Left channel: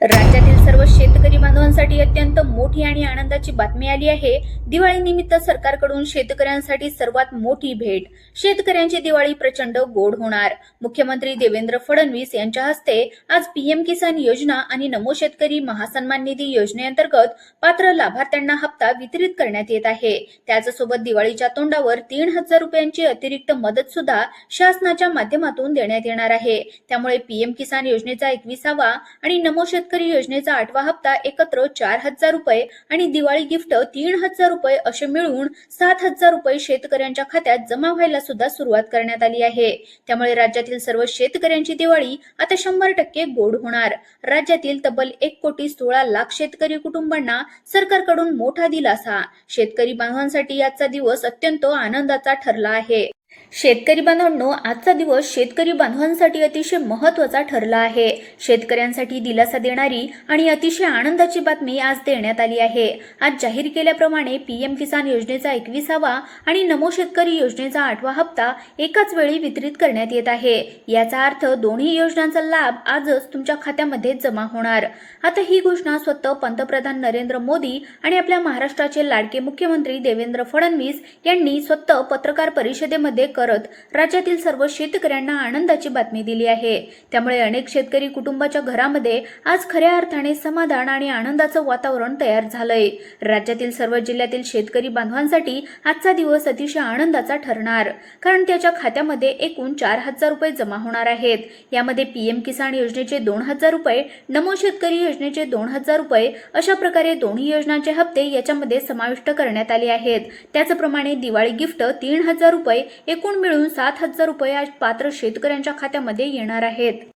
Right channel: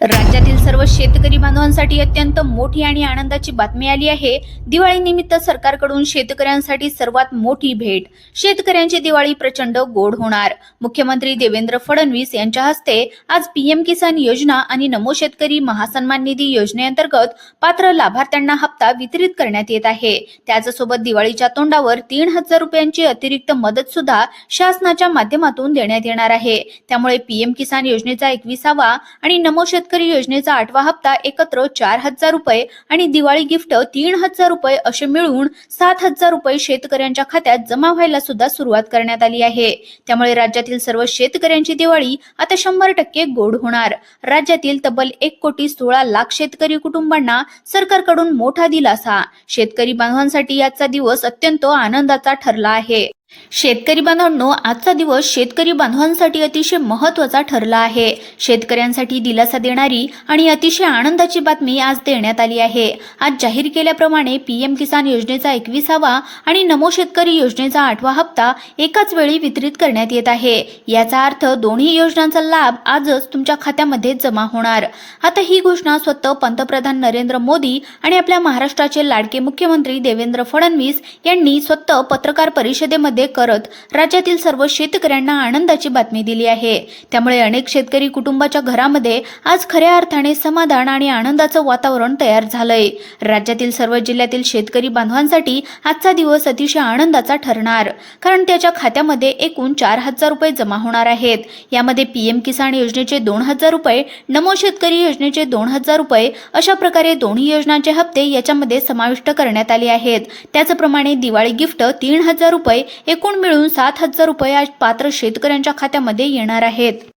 राज्यातील सर्व शेतकरी बांधवांसाठी अत्यंत मोठी आणि आनंदाची बातमी आली आहे। दिवाळीनिमित्त सरकारकडून शेतकऱ्यांसाठी सर्वात मोठी भेट। शेतकऱ्यांची दिवाळी प्रचंड गोड होणार। मुख्यमंत्री देवेंद्र फडणवीस यांच्या हस्ते आज पीएम किसान योजना आणि नमो शेतकरी महासन्मान निधी योजनेअंतर्गत पात्र लाभार्थ्यांना हप्ता वितरित करण्यात येत आहे। त्याचसोबत दिवाळीच्या तोंडावर 3000 रुपयांची अतिरिक्त मदत सुद्धा शासनाच्या माध्यमातून देण्यात येणार आहे। त्यामुळे पीएम किसान योजनेचा 21वा आणि नमो शेतकरी योजनेचा 8वा हप्ता एकत्र 4000 रुपये आणि दिवाळी गिफ्ट 3000 रुपये असे मिळून 7000 रुपये शेतकऱ्यांच्या खात्यात जमा व्हायला सुद्धा सुरुवात करण्यात आली आहे। त्यामुळे राज्यातील सर्व शेतकऱ्यांची दिवाळी आता 100% गोड होणार। राज्यातील तब्बल 1,16,00,000 शेतकरी कुटुंबांना सरकारकडून मोठा दिलासा। शेतकरी बांधवांसाठी आजचा दिवस अत्यंत आनंदाचा ठरला आहे। शेतकरी बांधवांनो, आजचा दिवस शेतकरी बांधवांसाठी अतिशय महत्त्वाचा ठरला आहे। शेतकऱ्यांसाठी दिलासा देणारी आणि अतिशय आनंदाची बातमी आज देण्यात आली आहे। आज जाहीर केल्याप्रमाणे पीएम किसान योजनेचा 21वा आणि नमो शेतकरी योजनेचा 8वा हप्ता एकाच वेळी वितरित करण्यात येत आहे। याचा अर्थ दोन्ही योजनांचा लाभ आजच तुमच्या खात्यामध्ये जमा होणार। आता ही घोषणा स्वतः पंतप्रधान नरेंद्र मोदी आणि आपल्या महाराष्ट्राचे लाडके मुख्यमंत्री देवेंद्र फडणवीस यांनी स्वतः पत्रकार परिषदेमध्ये करत राज्यातील सर्व शेतकऱ्यांना आनंदाची बातमी दिली आहे। त्यामुळे अनेक शेतकरी कुटुंबाच्या घरामध्ये आज खऱ्या अर्थाने समाधान आणि आनंदाचं वातावरण तयार झालंय। राज्यातील सर्व जिल्ह्यातील शेतकरी बांधवांसाठी आजचा दिवस अतिशय आनंदाचा ठरणार, कारण त्याच्या खात्यामध्ये एकूण 4000 रुपये जमा होणार आहेत। यामध्ये पीएम किसान योजनेचे 2000 रुपये, नमो शेतकरी योजनेचे 2000 रुपये अशा प्रकारे दोन्ही योजनांचे हप्ते याच्यामध्ये समाविष्ट करण्यात आले आहेत। त्याचप्रमाणे दिवाळी गिफ्ट 3000 रुपये एकूण मिळून 7000 रुपये आज पात्र शेतकऱ्यांच्या खात्यामध्ये येणार आहेत।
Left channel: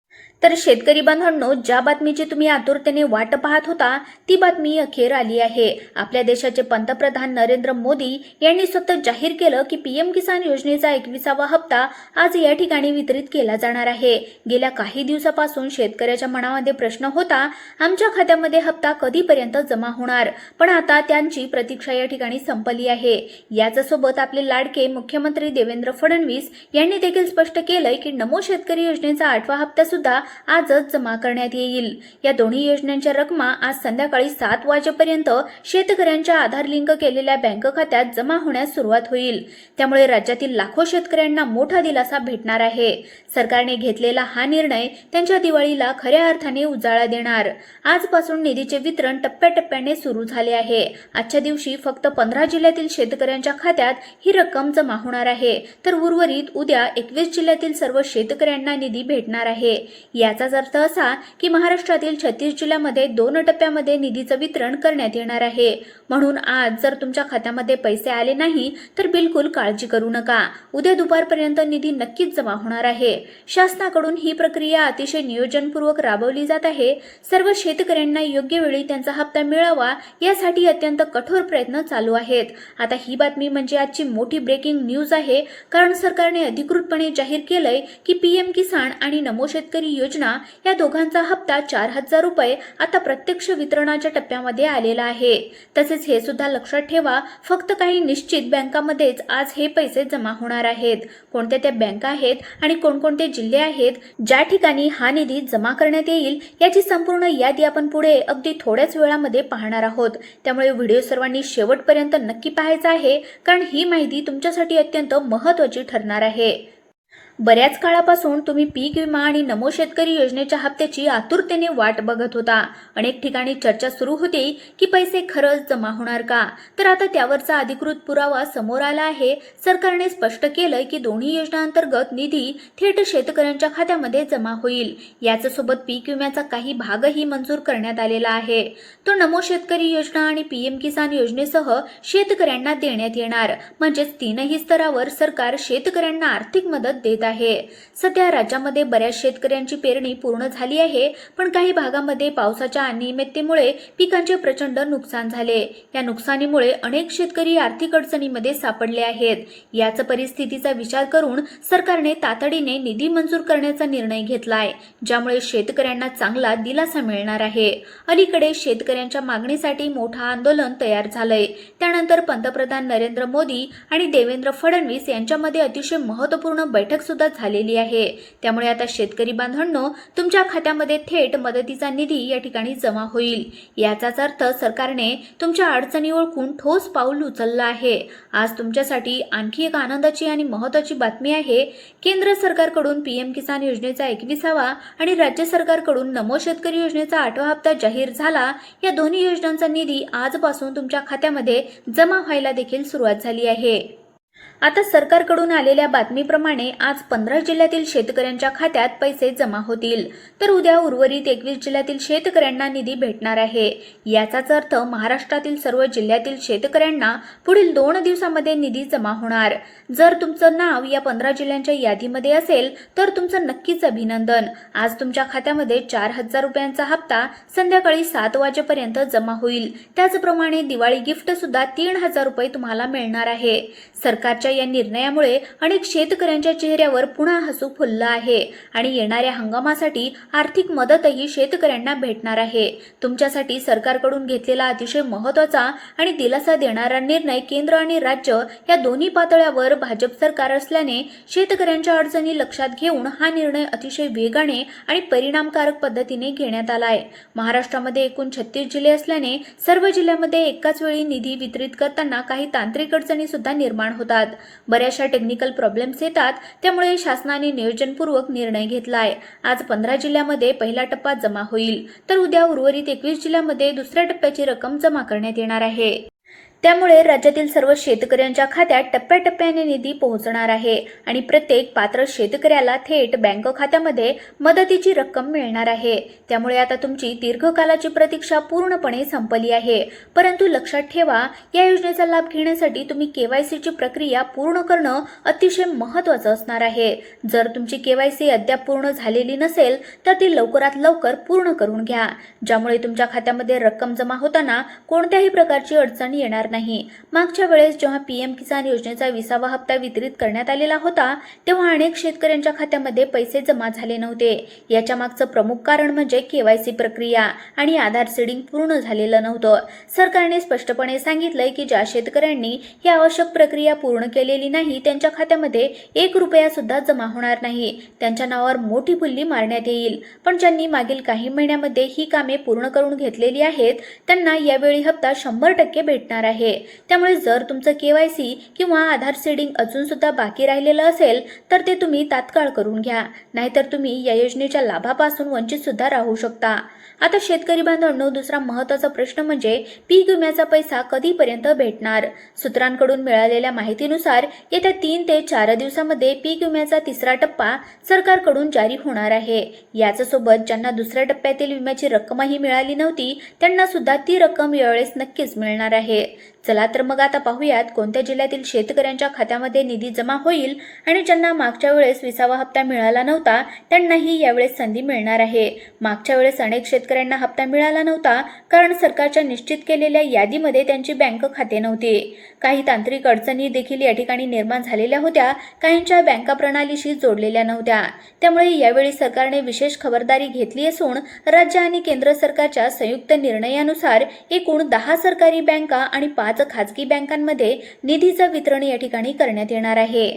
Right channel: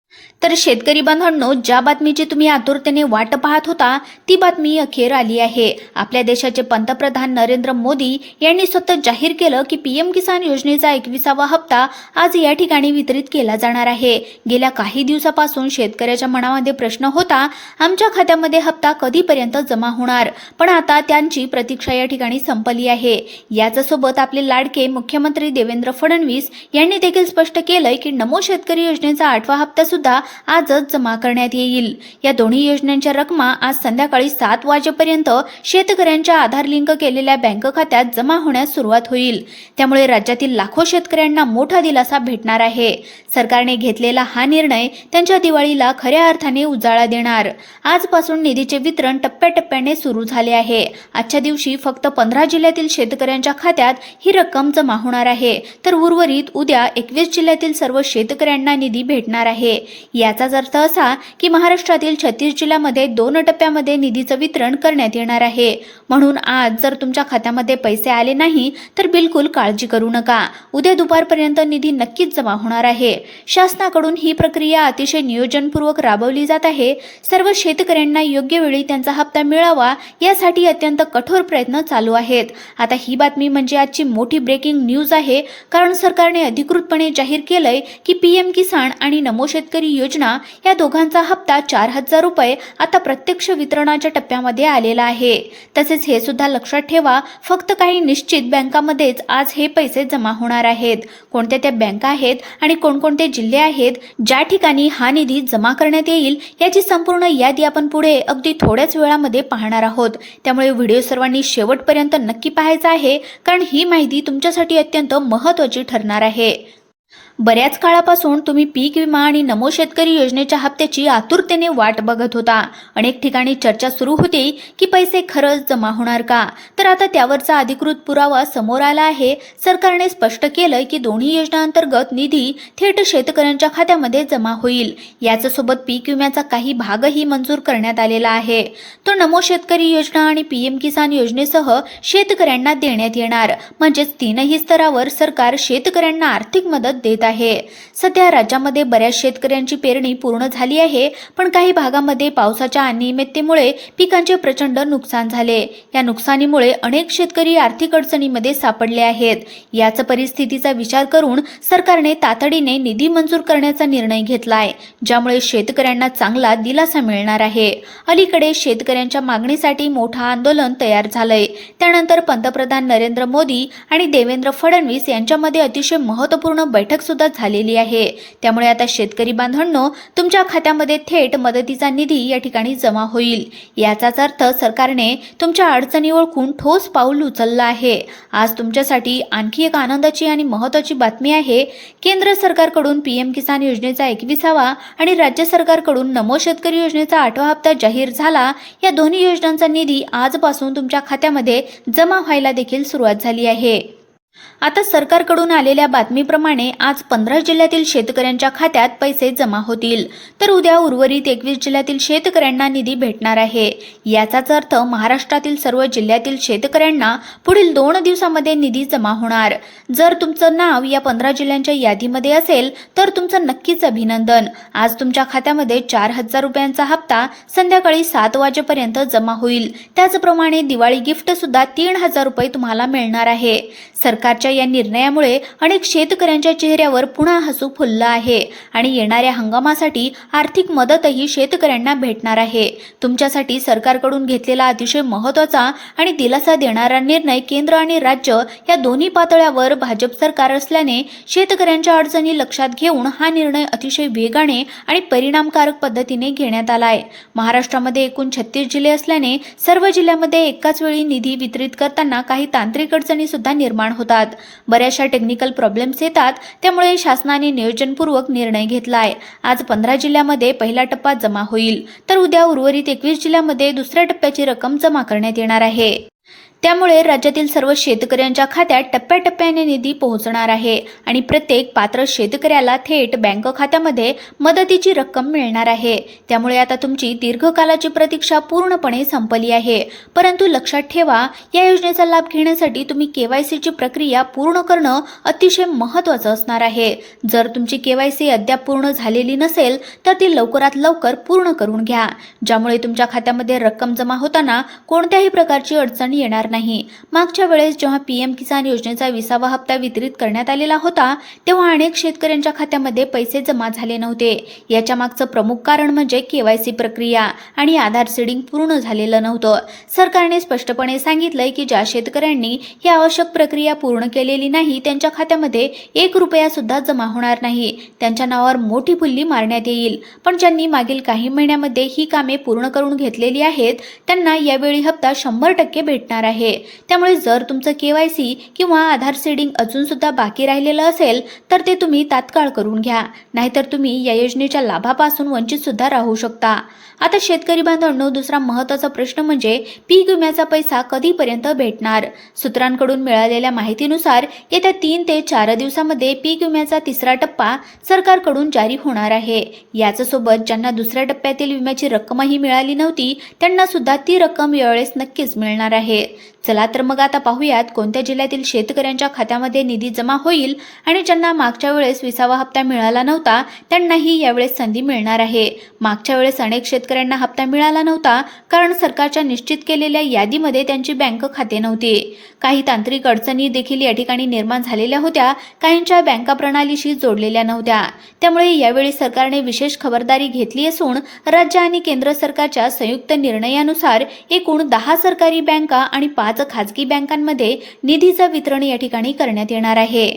तर शेतकरी बांधवांनो, ज्या बातमीची तुम्ही आतुरतेने वाट पाहत होता ती बातमी अखेर आली आहे। आपल्या देशाचे पंतप्रधान नरेंद्र मोदी यांनी स्वतः जाहीर केलं की पीएम किसान योजनेचा 21वा हप्ता आज या ठिकाणी वितरित केला जाणार आहे। गेल्या काही दिवसापासून शेतकऱ्याच्या मनामध्ये प्रश्न होता, आमच्या खात्यामध्ये हप्ता कधीपर्यंत जमा होणार, पण आता त्यांची प्रतीक्षा या ठिकाणी संपली आहे। याच्यासोबत आपले लाडके मुख्यमंत्री देवेंद्र फडणवीस यांनी देखील स्पष्ट केलंय की नमो शेतकरी योजनेचा 8वा हप्ता सुद्धा आजच जमा करण्यात येईल। या दोन्ही योजनांच्या रकमा आज संध्याकाळी 7 वाजेपर्यंत शेतकऱ्यांच्या आधार लिंक केलेल्या बँक खात्यात जमा होण्यास सुरुवात होईल। त्यामुळे राज्यातील लाखो शेतकऱ्यांना मोठा दिलासा भेटणार आहे। सरकारने घेतलेला हा निर्णय त्यांच्या दिवाळीला खऱ्या अर्थाने उजाळा देणार। आजपासून निधीचे वितरण टप्प्याटप्प्याने सुरू झाले आहे। आजच्या दिवशी फक्त 15 जिल्ह्यातील शेतकऱ्यांच्या खात्यात ही रक्कम जमा होणार आहे, तर उर्वरित उद्या 21 जिल्ह्यातील सर्व शेतकऱ्यांना निधी भेटणार आहे। याचाच अर्थ असा की महाराष्ट्रातील 36 जिल्ह्यांमध्ये 2 टप्प्यामध्ये निधीचं वितरण करण्यात येणार आहे। म्हणून आज जर तुमच्या खात्यामध्ये पैसे आले नाही तर बिलकुल काळजी करू नका, उद्या दुपारपर्यंत निधी नक्कीच जमा होणार आहे। शासनाकडून ही प्रक्रिया अतिशय नियोजनपूर्वक राबवली जात आहे। सर्व शेतकऱ्यांना योग्य वेळी त्यांचा हप्ता मिळावा यासाठी अत्यंत कठोर प्रयत्न चालू आहेत। आता ही बातमी म्हणजे आजची मोठी ब्रेकिंग न्यूज आहे, कारण सरकारने अधिकृतपणे जाहीर केलंय की पीएम किसान आणि नमो शेतकरी योजना या दोघांचा हप्ता 4000 रुपये आता प्रत्यक्ष वितरणाच्या टप्प्यामध्ये आलेला आहे। तसेच हे सुद्धा लक्षात ठेवा, फक्त काही निश्चित बँकांमध्येच आज हे पैसे जमा होणार आहेत। कोणत्या त्या बँका आहेत आणि कोणकोणते जिल्हे आहेत ज्या ठिकाणी हा निधी जमा करण्यात येईल याची संपूर्ण यादी आपण पुढे अगदी थोड्याच वेळामध्ये पाहणार आहोत। त्यामुळे व्हिडिओ सर्वांनी शेवटपर्यंत नक्की पाहायचा आहे, कारण ही माहिती तुमच्यासाठी अत्यंत महत्त्वाची ठरणार आहे। बऱ्याच काळापासून तुम्ही पीक विमा आणि नमो शेतकरी योजनेच्या हप्त्याची आतुरतेने वाट बघत होता। अनेक ठिकाणी चर्चा सुरू होती की पैसे खरंच जमा होणार का, तर आता त्यावरचा अधिकृत पुरावा समोर आला आहे। सरकारने स्पष्ट केलंय की दोन्ही योजनांतर्गत निधी थेट शेतकऱ्यांच्या खात्यामध्ये जमा होईल। याच्यासोबत पीक विम्याचा काही भागही मंजूर करण्यात आलेला आहे। तो नमो शेतकरी योजना आणि पीएम किसान योजनेसह शेतकऱ्यांना देण्यात येणार। म्हणजेच तीनही स्तरावर सरकार शेतकऱ्यांना आर्थिक मदत देत आहे। सध्या राज्यामध्ये बऱ्याच शेतकऱ्यांची पेरणी पूर्ण झाली आहे, पण काही भागामध्ये पावसाच्या अनियमिततेमुळे पिकांचे प्रचंड नुकसान झाले। या नुकसानीमुळे अनेक शेतकरी आर्थिक अडचणीमध्ये सापडले आहेत। याच परिस्थितीचा विचार करून सरकारने तातडीने निधी मंजूर करण्याचा निर्णय घेतलाय, ज्यामुळे शेतकऱ्यांना चांगला दिलासा मिळणार आहे। अलीकडे शेतकऱ्यांच्या मागणीसाठी मोठा आंदोलन तयार झालंय। त्यानंतर पंतप्रधान नरेंद्र मोदी आणि देवेंद्र फडणवीस यांच्यामध्ये अतिशय महत्त्वपूर्ण बैठक सुद्धा झालेली आहे। त्यामुळे आता शेतकरी बांधवांनो, तुमच्या खात्यामध्ये थेट मदतीचा निधी या ठिकाणी जमा होईल। याचाच अर्थ सरकारने तुमच्या अडचणी ओळखून ठोस पाऊल उचललं आहे। आज तुमच्यासाठी आणखी एक आनंदाची आणि महत्त्वाची बातमी आहे। केंद्र सरकारकडून पीएम किसान योजनेचा 21वा आणि राज्य सरकारकडून नमो शेतकरी योजनेचा 8वा हप्ता जाहीर झाला। या दोन्ही योजनांचा निधी आजपासून तुमच्या खात्यामध्ये जमा व्हायला देखील सुरुवात झाली आहे। आता सरकारकडून आलेल्या बातमीप्रमाणे आज 15 जिल्ह्यातील शेतकऱ्यांच्या खात्यात पैसे जमा होतील, तर उद्या उर्वरित 21 जिल्ह्यातील शेतकऱ्यांना निधी भेटणार आहे। याचाच अर्थ महाराष्ट्रातील सर्व जिल्ह्यातील शेतकऱ्यांना पुढील 2 दिवसांमध्ये निधी जमा होणार। जर तुमचं नाव या 15 जिल्ह्यांच्या यादीमध्ये असेल तर तुमचं नक्कीच अभिनंदन। आज तुमच्या खात्यामध्ये 4,000 रुपयांचा हप्ता संध्याकाळी 7 वाजेपर्यंत जमा होईल। त्याचप्रमाणे दिवाळी गिफ्ट सुद्धा 3,000 रुपये तुम्हाला मिळणार आहे। सरकारच्या या निर्णयामुळे अनेक शेतकऱ्यांच्या चेहऱ्यावर पुन्हा हसू फुललं आहे आणि येणाऱ्या हंगामासाठी आर्थिक मदतही शेतकऱ्यांना भेटणार आहे। तुमच्यासाठी सरकारकडून घेतलेला अतिशय महत्त्वाचा आणि दिलासा देणारा निर्णय केंद्र आणि राज्य या दोन्ही पातळ्यावर भाजप सरकार असल्याने शेतकऱ्यांच्या अडचणी लक्षात घेऊन हा निर्णय अतिशय वेगाने आणि परिणामकारक पद्धतीने घेण्यात आलाय। महाराष्ट्रामध्ये एकूण 36 जिल्हे असल्याने सर्व जिल्ह्यामध्ये एकाच वेळी निधी वितरित करताना काही तांत्रिक अडचणी सुद्धा निर्माण होतात। बऱ्याचशा टेक्निकल प्रॉब्लेम्स येतात, त्यामुळे शासनाने नियोजनपूर्वक निर्णय घेतलाय। आज 15 जिल्ह्यामध्ये पहिला टप्पा जमा होईल, तर उद्या उर्वरित 21 जिल्ह्यामध्ये दुसऱ्या टप्प्याची रक्कम जमा करण्यात येणार आहे। त्यामुळे राज्यातील सर्व शेतकऱ्यांच्या खात्यात टप्प्याटप्प्याने निधी पोहोचणार आहे आणि प्रत्येक पात्र शेतकऱ्याला थेट बँक खात्यामध्ये मदतीची रक्कम मिळणार आहे। त्यामुळे आता तुमची दीर्घकालाची प्रतीक्षा पूर्णपणे संपली आहे। परंतु लक्षात ठेवा, या योजनेचा लाभ घेण्यासाठी तुम्ही केवायसीची प्रक्रिया पूर्ण करणं अतिशय महत्त्वाचं असणार आहे। जर तुमची केवायसी अद्याप पूर्ण झालेली नसेल तर ती लवकरात लवकर पूर्ण करून घ्या, ज्यामुळे तुमच्या खात्यामध्ये रक्कम जमा होताना कोणत्याही प्रकारची अडचण येणार नाही। मागच्या वेळेस जेव्हा पीएम किसान योजनेचा 20वा हप्ता वितरित करण्यात आलेला होता तेव्हा अनेक शेतकऱ्यांच्या खात्यामध्ये पैसे जमा झाले नव्हते। याच्या मागचं प्रमुख कारण म्हणजे केवायसी प्रक्रिया आणि आधार सीडिंग पूर्ण झालेलं नव्हतं। सरकारने स्पष्टपणे सांगितलंय की ज्या शेतकऱ्यांनी ही आवश्यक प्रक्रिया पूर्ण केलेली नाही त्यांच्या खात्यामध्ये 1 रुपया सुद्धा जमा होणार नाही। त्यांच्या नावावर मोठी फुल्ली मारण्यात येईल। पण ज्यांनी मागील काही महिन्यामध्ये ही कामे पूर्ण करून घेतलेली आहेत त्यांना यावेळी हप्ता 100% भेटणार आहे। त्यामुळे जर तुमचं केवायसी किंवा आधार सीडिंग अजून सुद्धा बाकी राहिलेलं असेल तर ते तुम्ही तात्काळ करून घ्या, नाहीतर तुम्ही या योजनेच्या लाभापासून वंचित सुद्धा राहू शकता। आता शेतकरी बांधवांनो, दुसरा महत्त्वाचा प्रश्न म्हणजे पीक विम्याचा पैसा कधीपर्यंत भेटणार। सूत्रांकडून मिळालेल्या माहितीनुसार येत्या 3 ते 4 दिवसांमध्ये पीक विम्याचा 3रा टप्पा सरकारकडून जारी होणार आहे। याचसोबत ज्यांना दुसऱ्या टप्प्यातील विम्याची रक्कमही मिळाली नव्हती त्यांना सुद्धा ती रक्कम यावेळेस नक्कीच मिळणार आहे। चला तर मग आता पाहूयात कोणत्या जिल्ह्यातील शेतकऱ्यांच्या खात्यामध्ये निधी जमा होईल आणि ज्यांना मागच्या वेळेस 20वा हप्ता मिळाला नव्हता त्यांनाही यावेळेस संधी मिळणार आहे। मागच्या वेळेस अनेक शेतकऱ्यांना हप्ता मिळाला नव्हता कारण सरकारच्या निश्चित केलेल्या यादीमध्ये त्यांची बँक खाते नव्हते। काही तांत्रिक अडचणी देखील या ठिकाणी निर्माण झालेल्या होत्या, काहींच्या बँका प्रणालीशी जोडलेल्या नव्हत्या। त्यामुळे यावेळी सरकारने विशेष खबरदारी घेतली असून राज्य आणि केंद्र सरकारच्या संयुक्त निर्णयानुसार एकूण 10 सरकारी बँका आणि 5 खाजगी बँकांमध्ये निधीचं वितरण या ठिकाणी करण्यात येणार आहे।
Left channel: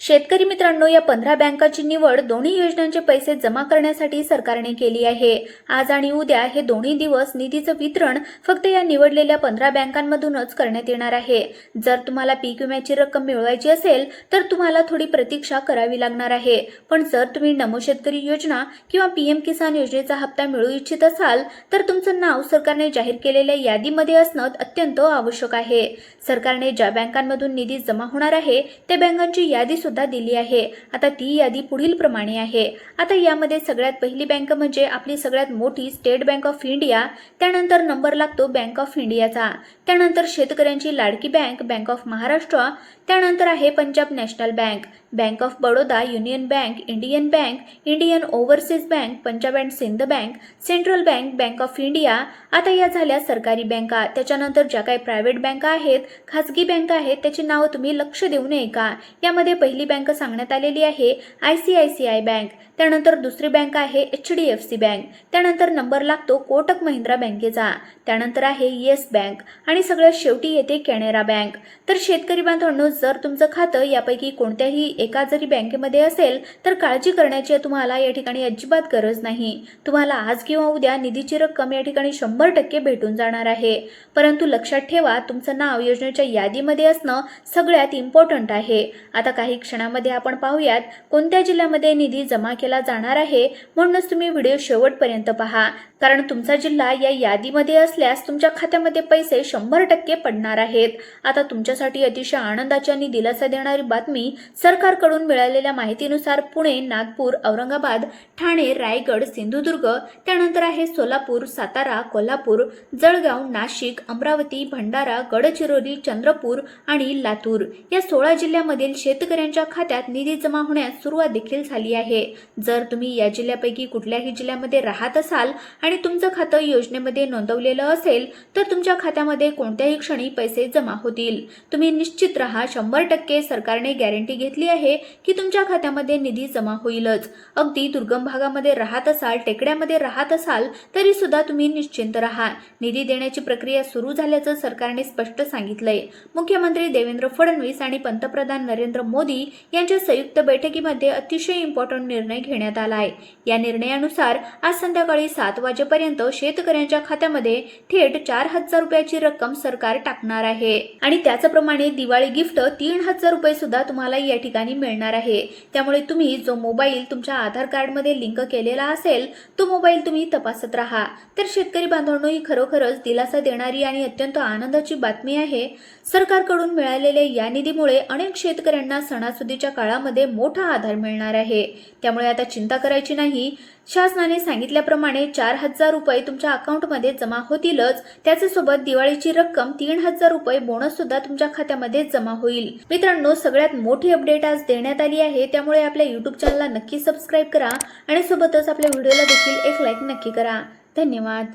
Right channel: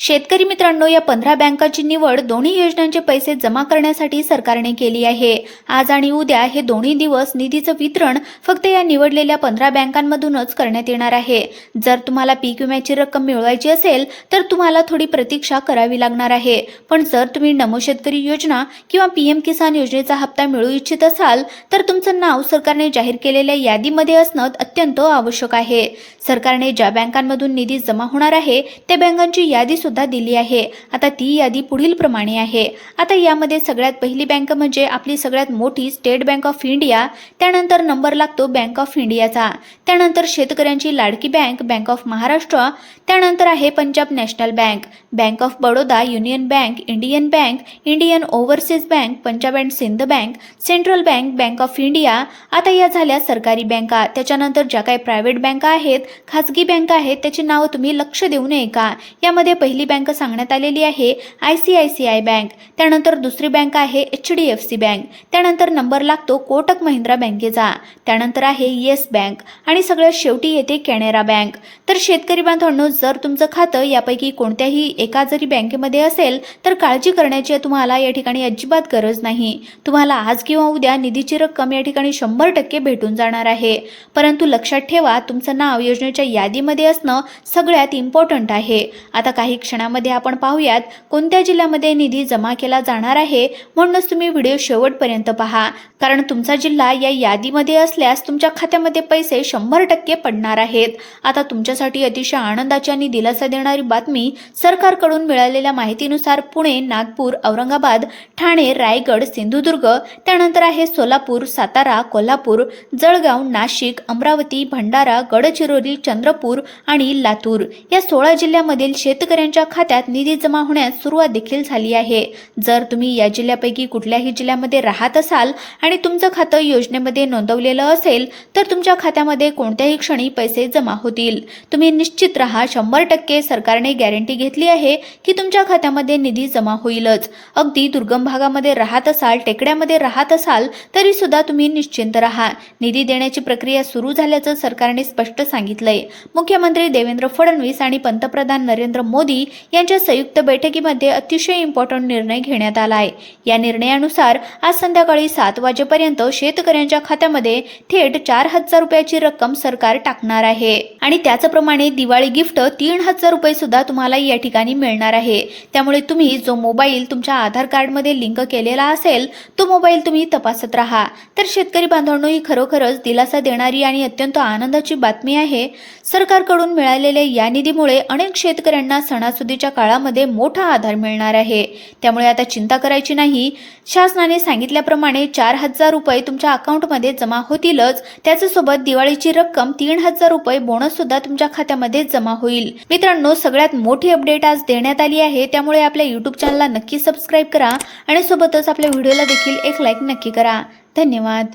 शेतकरी मित्रांनो, या 15 बँकांची निवड दोन्ही योजनांचे पैसे जमा करण्यासाठी सरकारने केली आहे। आज आणि उद्या हे दोन्ही दिवस निधीचं वितरण फक्त या निवडलेल्या 15 बँकांमधूनच करण्यात येणार आहे। जर तुम्हाला पीक विम्याची रक्कम मिळवायची असेल तर तुम्हाला थोडी प्रतीक्षा करावी लागणार आहे। पण जर तुम्ही नमो शेतकरी योजना किंवा पीएम किसान योजनेचा हप्ता मिळवू इच्छित असाल तर तुमचं नाव सरकारने जाहीर केलेल्या यादीमध्ये असणं अत्यंत आवश्यक आहे। सरकारने ज्या बँकांमधून निधी जमा होणार आहे त्या बँकांची यादी सुद्धा दिली आहे। आता ती यादी पुढील प्रमाणे आहे। आता यामध्ये सगळ्यात पहिली बँक म्हणजे आपली सगळ्यात मोठी स्टेट बँक ऑफ इंडिया, त्यानंतर नंबर लागतो बँक ऑफ इंडियाचा, त्यानंतर शेतकऱ्यांची लाडकी बँक बँक ऑफ महाराष्ट्र, त्यानंतर आहे Punjab national bank, bank of Baroda, union bank, Indian bank, Indian overseas bank, Punjab and Sindh bank, central bank, bank of India. आता या झाल्या सरकारी बँका। त्याच्यानंतर ज्या काही प्रायव्हेट बँका आहेत, खाजगी बँका आहेत, त्याची नाव तुम्ही लक्ष देऊ नये का। यामध्ये पहिली बँक सांगण्यात आलेली आहे ICICI बँक, त्यानंतर दुसरी बँक आहे HDFC बँक, त्यानंतर नंबर लागतो कोटक महिंद्रा बँकेचा, त्यानंतर आहे येस बँक आणि सगळ्यात शेवटी येते कॅनरा बँक। तर शेतकरी बांधवांनो, जर तुमचं खातं यापैकी कोणत्याही एका जरी बँकेमध्ये असेल तर काळजी करण्याची तुम्हाला या ठिकाणी अजिबात गरज नाही। तुम्हाला आज किंवा उद्या निधीची रक्कम या ठिकाणी 100% भेटून जाणार आहे। परंतु लक्षात ठेवा, तुमचं नाव योजनेच्या यादीमध्ये असणं सगळ्यात इम्पॉर्टंट आहे। आता काही क्षणामध्ये आपण पाहूयात कोणत्या जिल्ह्यामध्ये निधी जमा केला जाणार आहे, म्हणूनच तुम्ही व्हिडिओ शेवटपर्यंत पहा, कारण तुमचा जिल्हा या यादीमध्ये असल्यास तुमच्या खात्यामध्ये पैसे 100% पडणार आहेत। आता तुमच्यासाठी अतिशय आनंदाची आणि दिलासा देणारी बातमी, सरकारकडून मिळालेल्या माहितीनुसार पुणे, नागपूर, औरंगाबाद, ठाणे, रायगड, सिंधुदुर्ग, त्यानंतर आहे सोलापूर, सातारा, कोल्हापूर, जळगाव, नाशिक, अमरावती, भंडारा, गडचिरोली, चंद्रपूर आणि लातूर या 16 जिल्ह्यामधील शेतकऱ्यांच्या खात्यात निधी जमा होण्यास सुरुवात देखील झाली आहे। जर तुम्ही या जिल्ह्यापैकी कुठल्याही जिल्ह्यामध्ये राहत असाल आणि तुमचं खातं योजनेमध्ये नोंदवलेलं असेल तर तुमच्या खात्यामध्ये कोणत्याही क्षणी पैसे जमा होतील। तुम्ही निश्चित राहा, 100% सरकारने गॅरंटी घेतली आहे की तुमच्या खात्यामध्ये निधी जमा होईलच। अगदी दुर्गम भागामध्ये राहत असाल, टेकड्यामध्ये राहत असाल तरी सुद्धा तुम्ही निश्चिंत राहा, निधी देण्याची प्रक्रिया सुरू झाल्याचं सरकारने स्पष्ट सांगितलंय। मुख्यमंत्री देवेंद्र फडणवीस आणि पंतप्रधान नरेंद्र मोदी यांच्या संयुक्त बैठकीमध्ये अतिशय इम्पॉर्टंट निर्णय घेण्यात आलाय। या निर्णयानुसार आज संध्याकाळी 7 वाजेपर्यंत शेतकऱ्यांच्या खात्यामध्ये थेट 4,000 रुपयाची रक्कम सरकार टाकणार आहे आणि त्याचप्रमाणे दिवाळी गिफ्ट 3,000 रुपये सुद्धा तुम्हाला या ठिकाणी मिळणार आहे। त्यामुळे तुम्ही जो मोबाईल तुमच्या आधार कार्डमध्ये लिंक केलेला असेल तो मोबाईल तुम्ही तपासत राहा। तर शेतकरी बांधवांनो, ही खरोखरच दिलासा देणारी आणि अत्यंत आनंदाची बातमी आहे। सरकारकडून मिळालेल्या या निधीमुळे अनेक शेतकऱ्यांना सणासुदीच्या काळामध्ये मोठा आधार मिळणार आहे। त्यामुळे आता चिंता करायची नाही। शासनाने सांगितल्याप्रमाणे 4,000 रुपये तुमच्या अकाउंटमध्ये जमा होतीलच, त्याच्यासोबत दिवाळीची रक्कम 3,000 रुपये बोनस सुद्धा तुमच्या खात्यामध्ये जमा होईल। मित्रांनो, सगळ्यात मोठी अपडेट आज देण्यात आली आहे, त्यामुळे आपल्या YouTube चॅनलला नक्की सबस्क्राईब करा आणि सोबतच आपल्या व्हिडिओला देखील एक लाईक नक्की करा। धन्यवाद।